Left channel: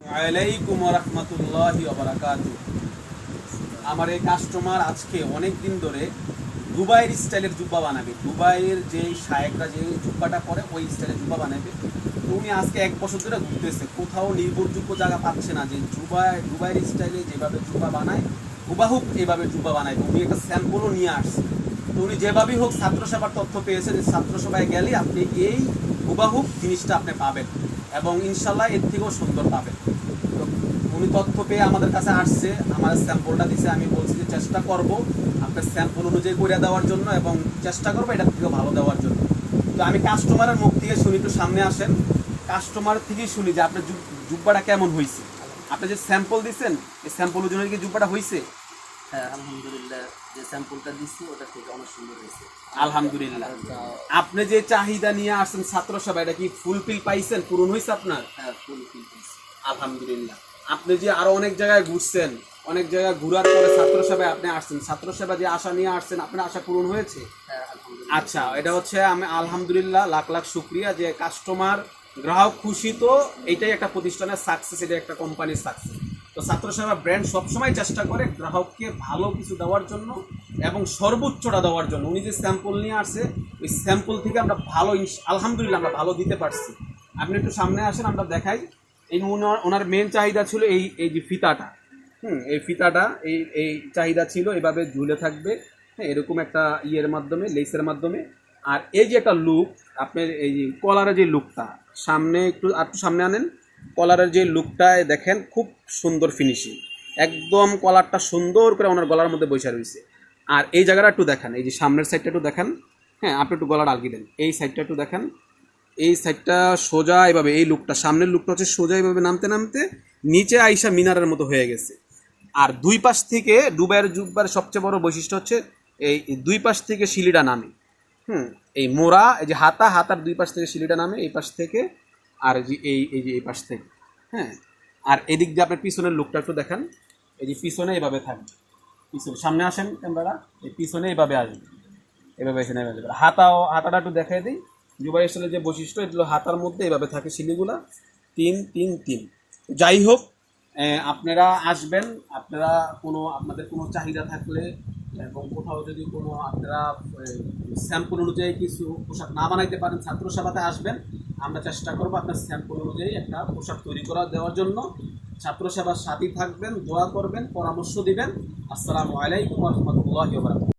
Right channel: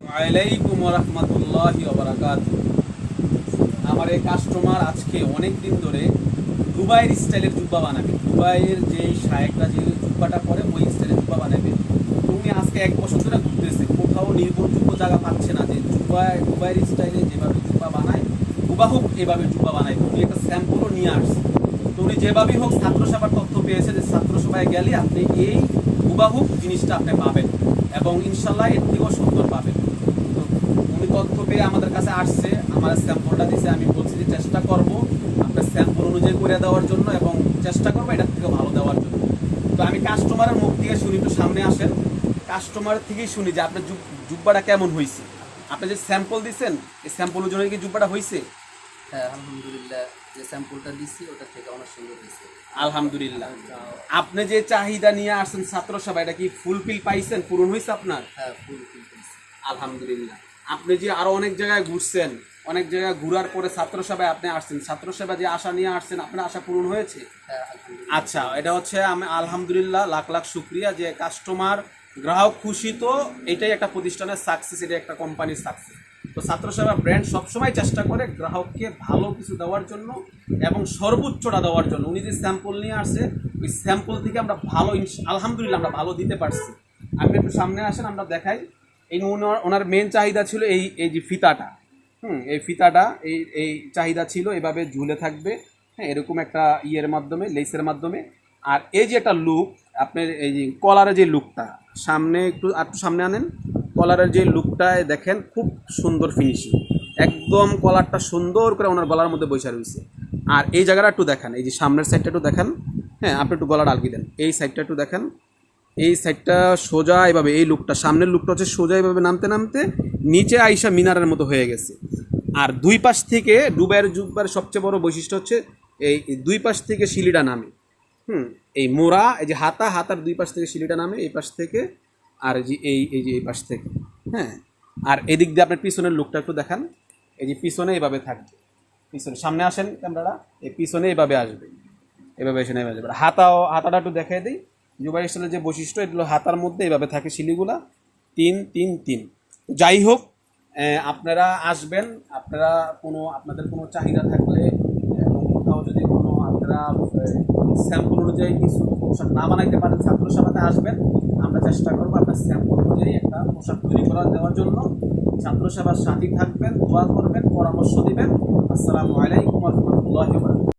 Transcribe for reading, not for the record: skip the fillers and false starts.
ওয়ালাইকুম রহমতুল্লাহি ওয়াবারাকাতুহু। আমার এই কাস্টমার আজকে অনেক দিন ধরে দুবাইয়ের স্টাইলের জুব্বা বানাবে। দুবাইয়ের যে শায়েকরা যে জুব্বাটা পরে ওই স্টাইলের জুব্বা বানাবে। তো উনি আজকে 1 বছর ধরে ঘুরতেছে, কোথাও নির্ভরযোগ্য জায়গা পাচ্ছে না যে দুবাইয়ের স্টাইলে যেভাবে জুব্বা বানায় হুবাহুব এভাবে জুব্বা বানায়। উনি একটা স্যাম্পলও নিয়ে আসছে। তো উনি যেভাবেই হোক ছাত্রসভার তথ্য পেয়েছে যে ছাত্রসভায় গেলে আপনি এই হুবাহুব জিনিসটা আপনি পাবেন এবং ইনশাল্লাহ এর থেকেও সুন্দর পাবেন। তো উনি তথ্য পেয়ে আমাদের কাছে আসছে, আমার স্যাম্পলটা দিছে। আমি বলছি যে চেষ্টা করব আপনার স্যাম্পল অনুযায়ী করে দেওয়ার জন্য এবং চেষ্টা করবো এটার থেকে ভালো দেওয়ার জন্য। তো আমি কাস্টমারের মুখ থেকে শুনি, একটু সামনে আসেন, কাস্টমার থেকেই শুনি যে আপনার জুব্বাটা কেমন হয়েছে। আপনি যে স্যাম্পল দিচ্ছেন এই স্যাম্পল অনুযায়ী কি জুব্বাটা হয়েছে? হ্যাঁ, আলহামদুলিল্লাহ, যে স্যাম্পলটা দিচ্ছি ওটা থেকে অনেক সুন্দর হয়েছে। আলহামদুলিল্লাহ। আপনি যে চাহিদা নিয়ে আসছেন ছাত্রসভা, এটা কি ফুলফিল পাইছেন, পূরণ হয়েছে আপনার? হ্যাঁ, ফুলফিল হয়েছে। আলহামদুলিল্লাহ। আপনি যে আরো অনেক জায়গায় ঘুরছেন, অনেক জায়গায় ঘোরার পরে ছাত্রসভায় আপনি আসছেন, ছাত্রসভা যে আশা নিয়ে আসছেন আপনার আশা পূরণ হয়েছে? হ্যাঁ, আলহামদুলিল্লাহ। আচ্ছা, এটা হচ্ছে আমি আলহামদুলিল্লাহ লাখ লাখ শুক্রিয়া যে কাস্টমার গ্রাহক খুশি, তো এটাই একটা প্রতিষ্ঠানের সাকসেস, এটা একটা কোম্পানির সাকসেস। তো ছাত্রসেবা ব্র্যান্ড সবসময় চেষ্টা করে গ্রাহককে ভালো কিছু দেওয়ার জন্য এবং সর্বোচ্চটা দেওয়ার জন্য। উনি যে স্যাম্পল নিয়ে আসছে ওই স্যাম্পল থেকে আমরা ভালো আলহামদুলিল্লাহ আমরা ভালো দিতে পারছি। আপনি একটু সামনে আসেন, আমরা দেখাই। এই ওনার মেন চাহিদা ছিল এই এই যে ফিতাটা, এই ফিতাটা এই চাহিদা ছিল, এভাবে ঝুলে থাকবে, হ্যাঁ, এরকম একটা ইয়ের মাধ্যমে, লেসের মাধ্যমে। আর এই যে একটা লুক, আপনার এই যে কলারের যে লুকটা, সামনে একটু সামনে আনেন, কলারের যে লুকটায় দেখেন খুব সুন্দর ফিনিশিং, একদম কলারটা সুন্দর করে ওনার গলার মধ্যে বসে রয়েছে। আর এই জায়গাটা একটু দেখান, এই যে সামনের সাইডটা একটু দেখান, হ্যাঁ, আপনি একটু গলাটা আগিয়ে দেন, এই সাইডটা একটু দেখান। এই সাইডটা সোজা এভাবে, এই লুকটা সামনের লুকটা হচ্ছে সোজা এভাবে নামতে নামতে নিচে আইসা মিনারের মতো হয়ে গেছে। আর দুই পাশ থেকে দুবাইয়ের জুব্বার সবচেয়ে বড় বৈশিষ্ট্য হচ্ছে এই দুই পাশ থেকে শিলিটা নামে, এই মোড়া, এই যে হাতার দুই পাশ থেকে শিলিটা নামে, এই পাশ থেকে আর যে এই পাশ থেকে, হ্যাঁ। আর এদিক দিয়ে আপনার পিছনের লুকটা একটু দেখান, এই যে পিছনে এভাবে থাকবে, পিছনে সামনে আসেন ক্যামেরাটা, এই পিছনে এভাবে আসবে, এভাবে এসে নেমে যাবে। হাতাটা একটু দেখাই দিই। জুবাই স্টাইলের যে বৈশিষ্ট্য, এগুলো হাতার মধ্যে এভাবে থাকে শিলিগুলা 3-3-3। যাই হোক, আপনারা আসবেন, আপনাদের কোনো চাহিদা থাকলে এবং কোথাও যদি কোনো আপনারা স্যাম্পল অনুযায়ী কিছু পোশাক না বানাইতে পারেন, ছাত্রসভাতে আসবেন, আমরা চেষ্টা করবো আপনার স্যাম্পল অনুযায়ী একটা পোশাক তৈরি করে দেওয়ার জন্য। ছাত্রসভার সাথী থাকবেন, দোয়া করবেন, পরামর্শ দিবেন। আসসালামু আলাইকুম ওয়া রাহমাতুল্লাহি ওয়া বারাকাতুহু।